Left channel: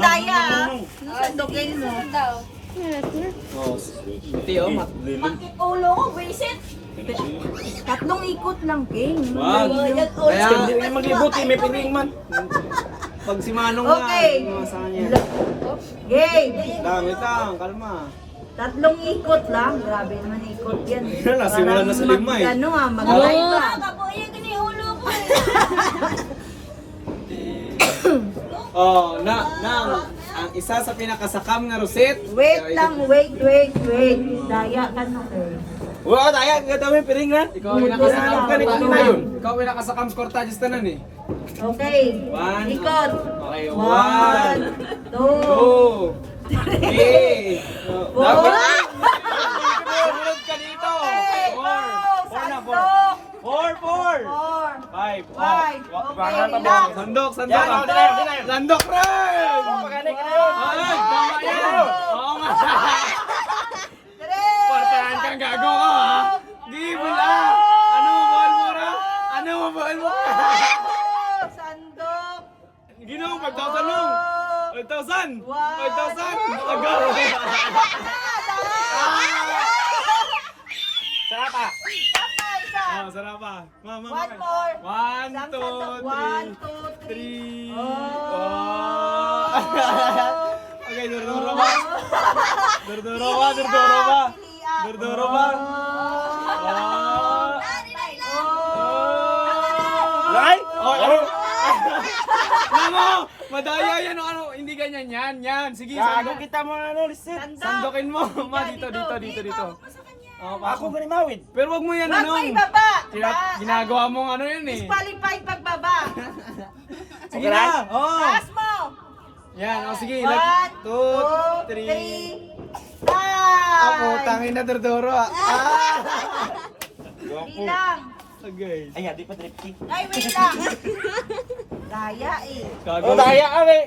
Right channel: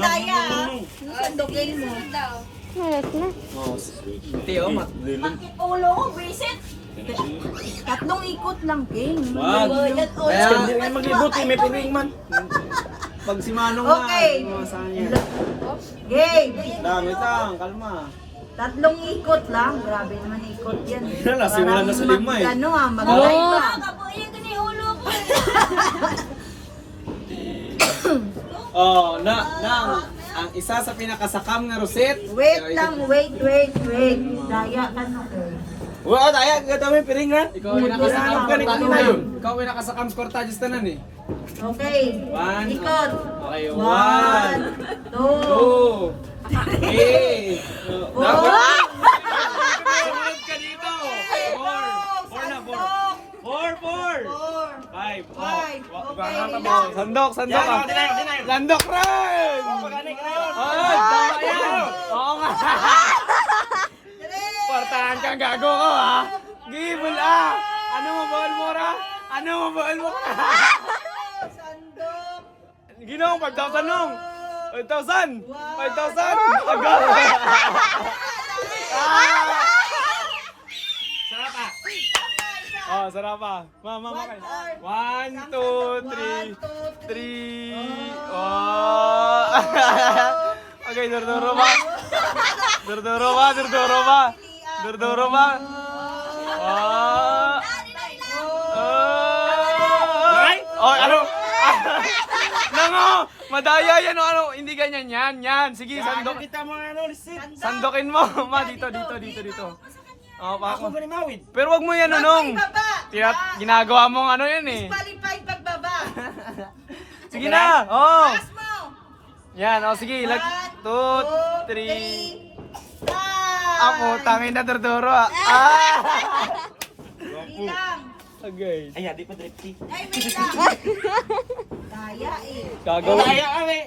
daya ah. Sandukin mo. Malat na. Oh, Hindi, oh, Bakit ulo ko, visit? Tatlong ikot lang, King. Wag. Kaya, Hindi na maglibot eh, may piring man. pag si Manong Okay. na, mga saan yan. Game. Dami lang, kalma. Tatlong ikot lang. Grabe naman ikot yan. Wala, simula na sa lima eh. Ano ah, mag-live Oo. ah. Oh, ang isa sa pinakasakam nga Roset. Wait lang, wait. Daya ka no eh. Oo, tayo, gagawin piring na. Ikaw ang pinakasakam Ganito korta na yun. Ikaw ang pinakasakam korta just tanan eh. Okay. One. Ikot. Okay, 1, 2, 2, 3. Four. Sumunod ka dito. 4 na, 4. 5. Sandok. Sandok rin! Ay, tama yan! Oo nga! Partahan kang gago ko ha! Gibol ah! Ano mo bawal mo ra? Sandok. Ginawa 5,000 nung! 5,000! 5,000! Aga! Sarapa! Oh, sarapa! Mama, One more. 1, 2, 1, 3. 2, 3. 3. Oh. Okay, durduro ba? Durduro ba? Ah. Ay! Oh, ano? Nango! Madaya yan o ano? Hindi ganyan yan. Sige, sandok. kita mo ano, lisit. Sandokin mo. Ma, dito. Oh, Ako pa. ganun mawid. Pero wag mo yan anong. Ginagawa mong ano yan eh. Qualified pagbaba. Sige na. Oh. Taas mo. Yan, oh sige. 1, 2, 3. 3. Ako, tangin na durduro ah. Ilang. Okay. Ay, di pa drifty. Ay, wait lang. Daya eh. Gago. kami.